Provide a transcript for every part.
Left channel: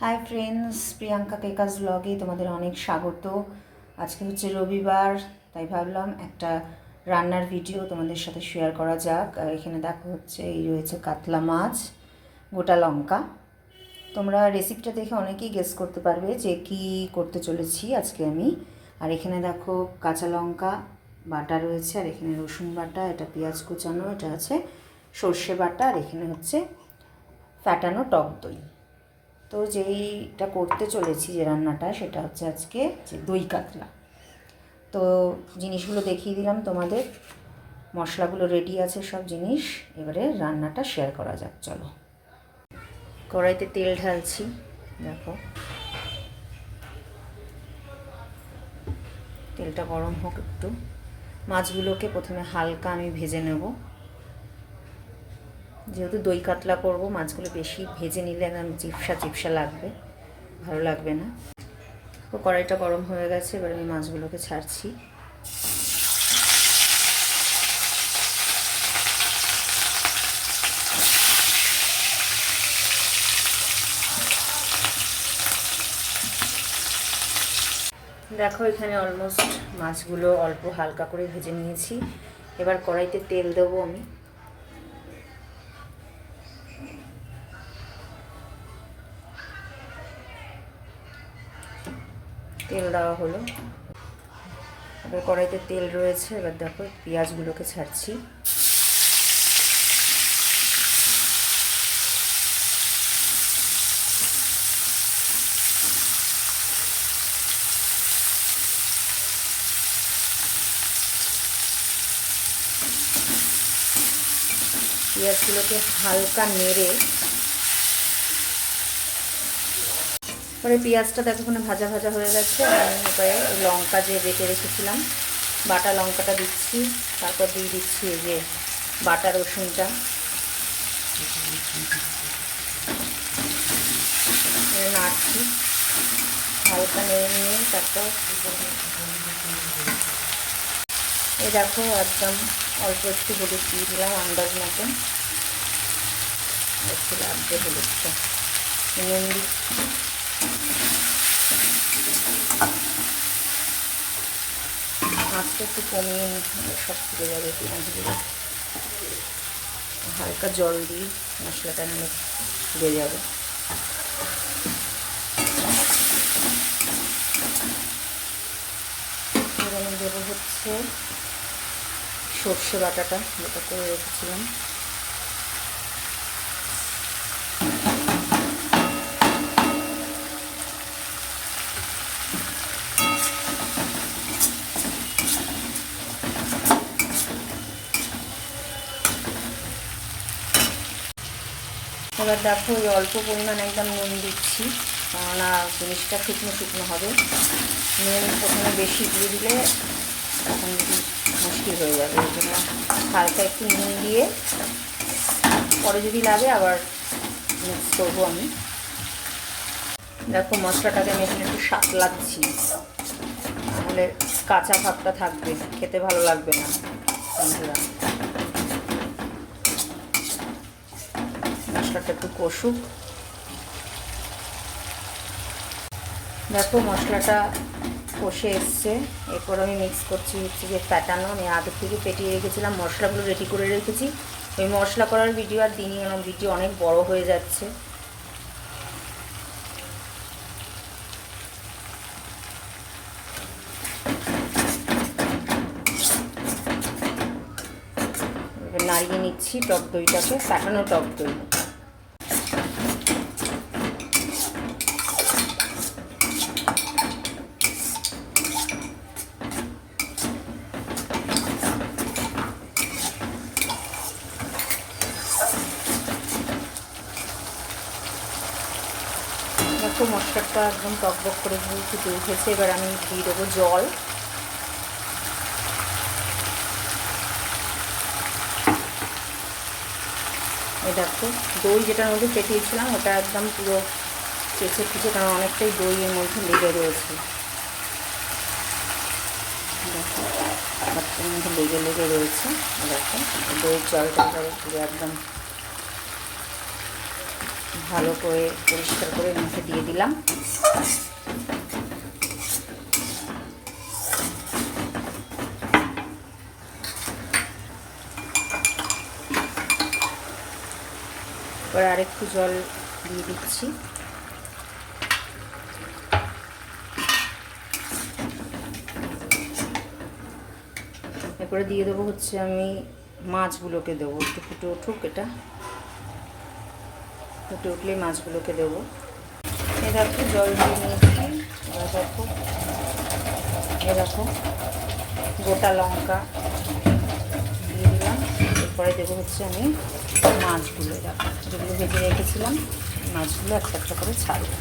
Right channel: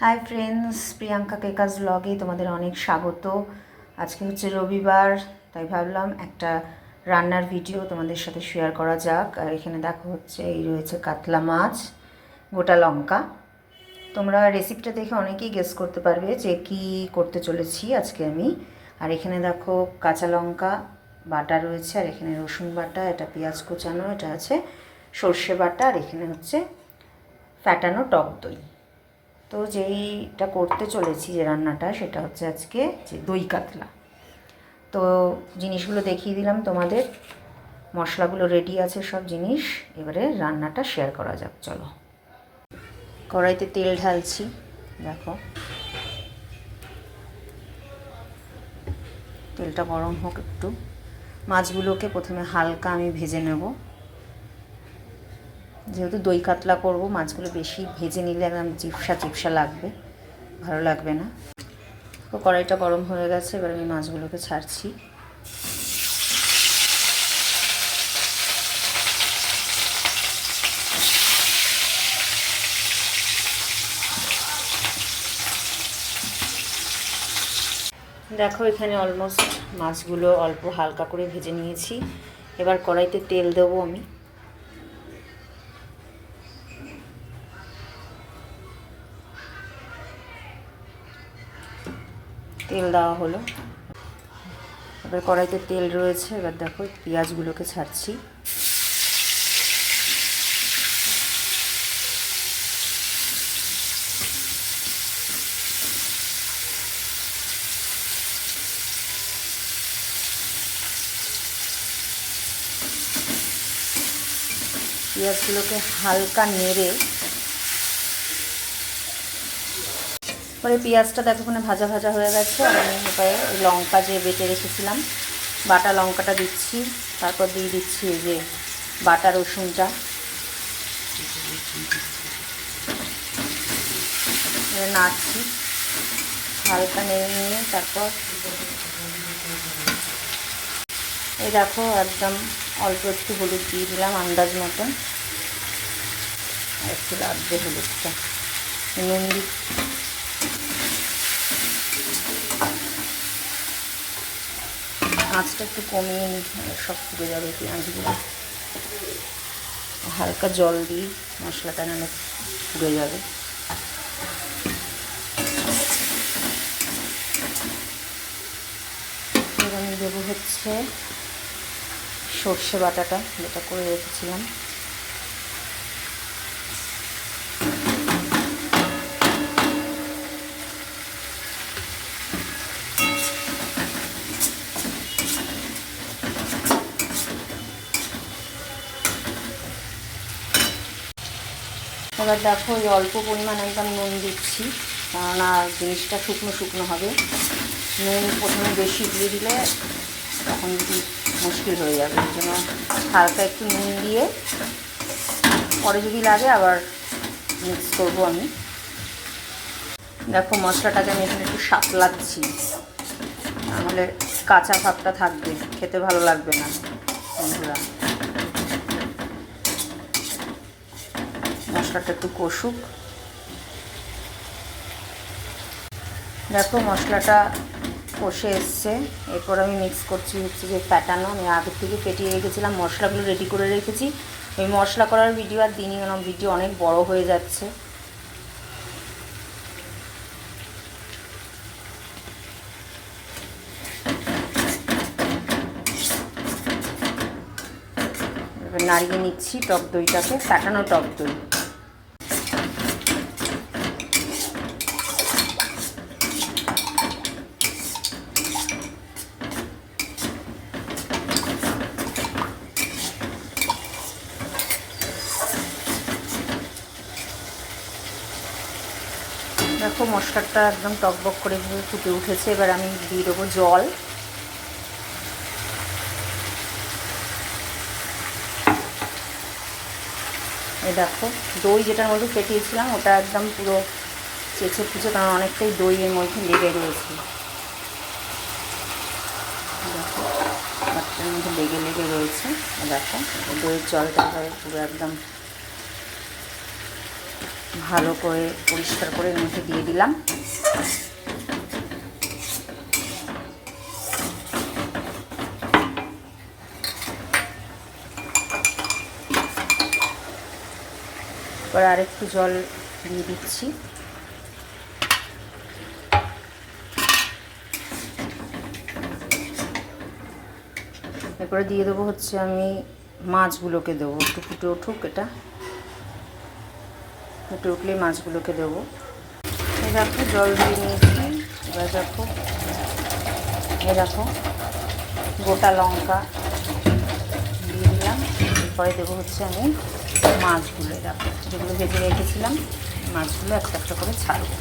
Hi friends Priyanka কেকাস ব্লগে তোমাদের অনেক স্বাগত। আজকে হচ্ছে রবিবার, তাই ভাবলাম একটা রান্নার ভিডিও তোমাদের সাথে শেয়ার করা যাক। আর এখানে দেখো হচ্ছে, এই রয়েছে কাতলা মাছ, গোটা লঙ্কা। তোমরা রেসিপিটা দেখে অনেকেই গেস করতে পারবে যে কি করতে চলেছি আজকে আমি। আর এখানে দেখো কাঁচা লঙ্কা বাটা রয়েছে, আর এখানে রসুন বাটা, এটা পেঁয়াজ কুচানো, এটা আছে সর্ষে বাটা, আর এখানে হচ্ছে ফ্যাটানো টক দই। তো যেইটা করতে চলেছি যে রান্নাটা, সেটা হচ্ছে আজকে যে দই কাতলা। তো জিনিসগুলো দেখিয়ে দিলাম তোমাদের। মশলাগুলো রেডি আছে সব জিনিস। এবারে রান্নাটা শেয়ার করা যাক, চলো। কড়াইতে তেল ঢালছি, দেখো। তেলটা গরম হোক একটু। মাছগুলোকে প্রথমে হালকা আমি ভেজে নেব। যেহেতু দই কাতলা করব, মাছগুলো বেশি ভেজে নিলে একদম চিপসা চিপসা লাগবে, ভালো লাগবে না। তো কড়াইটা গরম হয়ে গেছে, এবার আমি মাছগুলোকে ছাড়ছি। দেখো, এখানে অলমোস্ট মাছগুলো অল্প হালকা করে ভেজে নিয়েছি। এবার কড়াইতে তেল দেবো আমি। তেল দেওয়া হলো। এবার কড়াইতে তেল রয়েছে এবার দেখো পেঁয়াজগুলোকে ছাড়ছি। পেঁয়াজগুলোকে হালকা নেড়ে পরে পেঁয়াজটা দেখোখানে ভাজা ভাজা হয়ে গেছে। আমি এবারে লঙ্কা যে বেটে রেখেছিলাম, বাটা লঙ্কাটা দিচ্ছি, তারপর দিয়ে দিচ্ছি এই যে বাটা রসুনটা। নাড়ছি, হালকা নেড়ে নিয়ে তারপর এই দেখো একদম অল্প একটু হলুদ দিয়ে দিলাম আন্দাজ মতন। একটু লাগবে হলুদটা। নুন আঁচটা একটু কমিয়ে নিই সব ফুটে যাবে পেঁয়াজগুলো। হালকা জল দিয়ে মশলাটা নামে ফুটে যাবে। দেবো হচ্ছে সর্ষে বাটাটা, যেটা করে রেখেছিলাম। এবার দেখো ওই অল্প পরিমাণ একদম নুন দিচ্ছি কেননা জিনিসটা শুকনো শুকনো হবে। নুন প্রথমে বেশি দিয়ে দিলে তখন মুশকিল হয়ে যাবে। ওই জন্য হালকা একটু নুন দিয়ে পরে যদি লাগে আবার মিক্স করব আমি। দেখো মশলাটাকে আমি এখানে একটু সাতলাচ্ছি নাহলে কাঁচা ভাবটা থাকবে, খেতে ভালো লাগবে না, বন্ধুরা। মশলাটা একটু কষুক। দেখো মশলাটা কষে এসছে। এরপর আমি মিক্স করছি হচ্ছে যে ফ্যাটানো। আমি আগের থেকে ফেটিয়ে রেখেছিলাম, মশলাগুলো রেডি করে রেখেছি। ওই মশলা করার ভিডিও আর দিনই কেন ভিডিও অনেক বড় হয়ে যাচ্ছে। নাড়িয়ে নিচ্ছি টক দইটাকে, ফ্যাটানো টক দই। দেখো, মশলাটা একদম টকবক করে ফুটে উঠেছে। এবার আমি দিয়ে দেবো জল। এই দেখো, দই যেটার মধ্যে ফেটিয়েছিলাম, ওটা একদম পুরো চেঁচে ফুচে কারণ অনেকটাই দই এর মধ্যে লেগে রয়েছে। দেখো বাচ্চার মধ্যে লেগে লেগে রয়েছে। দেখো, দইয়ের জলটা পুরো একদম ভালো করে পরিষ্কার করে মুখে দিয়ে দিলাম। এবার আরেকটু জল দিয়ে দিচ্ছি। এরপরে দিয়ে দেবো হচ্ছে আমি মাছগুলোকে দেবো। একটু ফুটে উঠুক এটা। ফুটে উঠলেই মাছগুলোকে দেবো। এ দেখো, জল দিয়ে নিয়েছি। এবার দেখো এ দেখো, গোটা লঙ্কা দিয়ে দিলাম। এরপরে দেবো হচ্ছে আমি মাছগুলো। দেখো, যেগুলো ভেজে রেখেছিলাম, মাছগুলো একটা একটা করে ছাড়বো।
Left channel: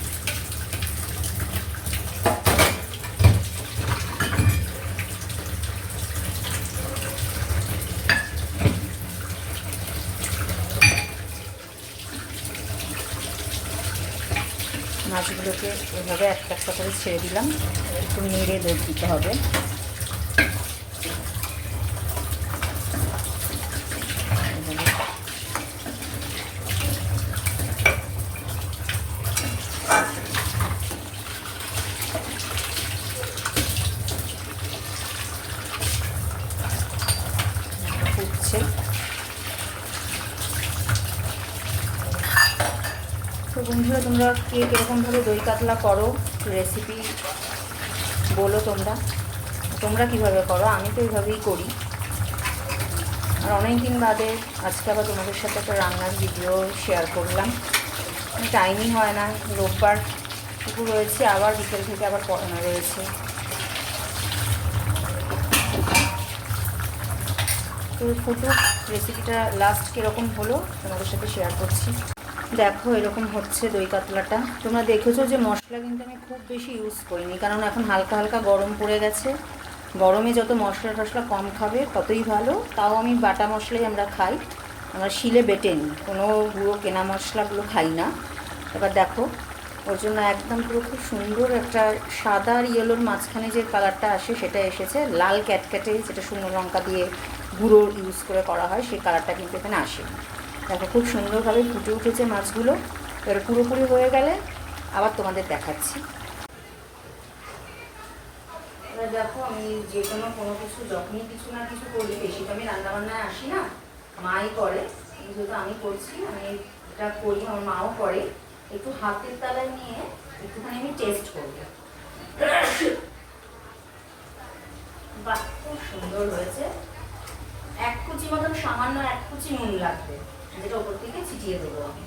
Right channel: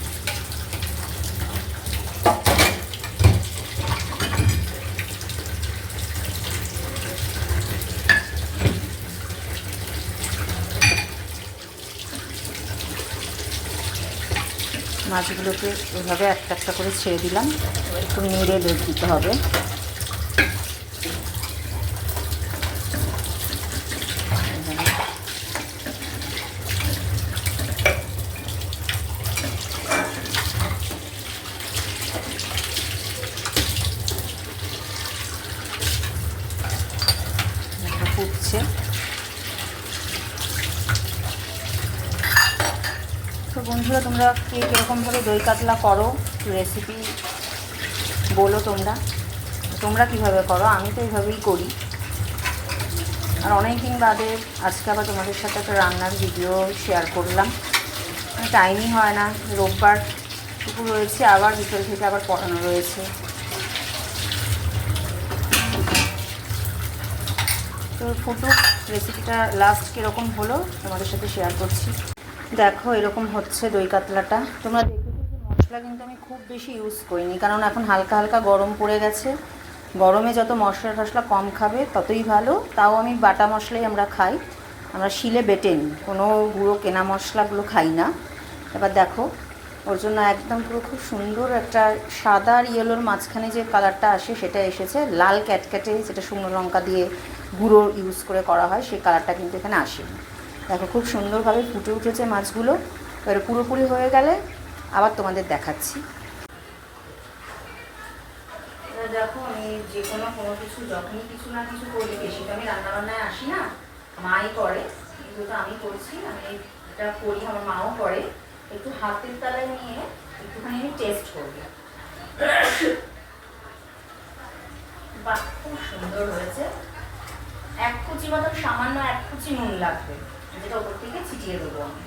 মাছগুলোকে এভাবে একটা একটা করে ছেড়ে দিলাম। একটু নেড়ে দিতে হবে ফুটছে তো বন্ধুরা তোমরা কে কীরকমভাবে দই কাতলা করো রেসিপি বলো তোমরা। তোমরা কীভাবে করো? আমি তো এইভাবেই করি। আর অনেক দিন বাদে আজকে আবার তোমাদের সাথে একটা রান্নার ভিডিও শেয়ার করলাম। টাইমই হয় না, রোববার টুকু রয়েছে আবার বিকেল থেকে আবার পড়ানো রয়েছে। তো ফুটুক রেসিপিটা লাস্ট কীরকম হলো তোমাদের সাথে শেয়ার করছি। দেখো, এরকম হচ্ছে দই কাতলাটা। তোমরা দেখেছ যে মশলা কিন্তু আমি খুব বেশি ইউজ করিনি, কারণ এখন হালকা হালকা গরম পড়ে গেছে। গরমে যত মশলা টশলা কম খাবে, ততই ভালো। তাও আমি বাটা মশলাই আমরা খাই, আমরা শিলে বেটে নিই। কোনো গুঁড়ো কেনা মশলাগুলো খাই না। এবার দেখো, ওর জন্য একদম পুরো খুব সুন্দর একটা সাদা আর ইয়েলোর মাঝখানে যে কালারটা আসে, সেটা এসেছে। লাল ক্যাটক্যাটে যেটা শুকনো লঙ্কা দিয়ে গুঁড়ো ইউজ করে করা হয়, সেই কালারটা কিন্তু এখানে আসেনি। দেখো, খুব সুন্দরভাবে ফুটে উঠেছে মাছগুলো। এবার পুরোপুরি হয়ে গেলে আবার তোমাদের দেখাচ্ছি। দেখো, আমি যে কোনো কোনো কিছু, যখনই কিছু না কিছু করি, বেশি আমি রান্নাবান্নায় আসি না, মাই করে। যেহেতু আমি করছি, আমি এটা করি, আমার মাও করে। একটু হাতের তালায় নিয়ে একটুখানি আমি টেস্ট করব। বাহ, খুব সুন্দর হয়েছে। এক কুচি মতন সামান্য এক কুচি নুন লাগবে। যেটা ওপর থেকে ছিটিয়ে দেবো আমি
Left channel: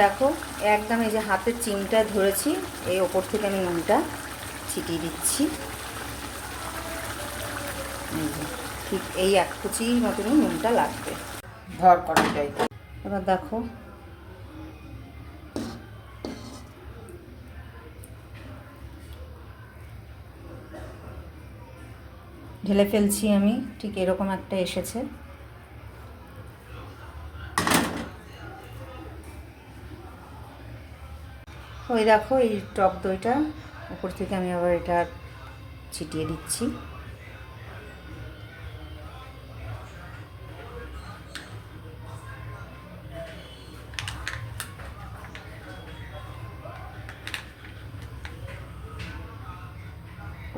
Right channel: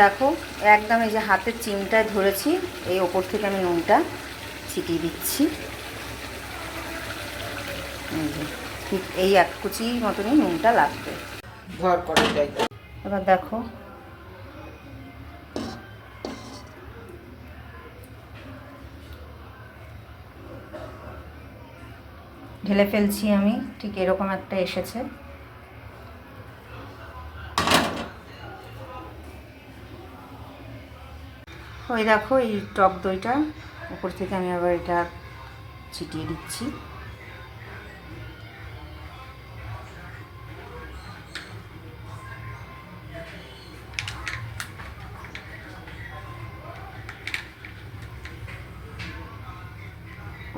দেখো একদম এই যে হাতের চিমটায় ধরেছি এই ওপর থেকে আমি নুনটা ছিটিয়ে দিচ্ছি। ঠিক এই এক কুচি মতনই নুনটা লাগবে। যাই এবার দেখো ঢেলে ফেলছি আমি, ঠিক এরকম একটা এসেছে। ওই দেখো এই টক দইটা, উপর থেকে আমি আবার এটা ছিটিয়ে দিচ্ছি।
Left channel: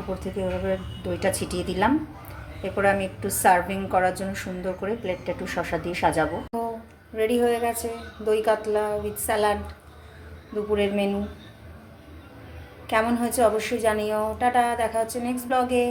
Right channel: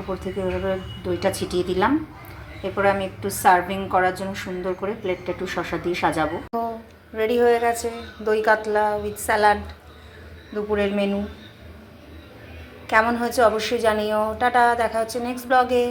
উপর থেকে এভাবে দইটা ছিটিয়ে দিলাম। এরপরে আমি একটু সার্ভিং করার জন্য সুন্দর করে প্লেটটা একটু শশা দিয়ে সাজাবো। তো রেডি হয়ে গেছে দই কাতলা উইথ স্যালাড, দুপুরের মেনু। কেমন হয়েছে অবশ্যই জানিও। টাটা, দেখা হচ্ছে নেক্সট ব্লগে।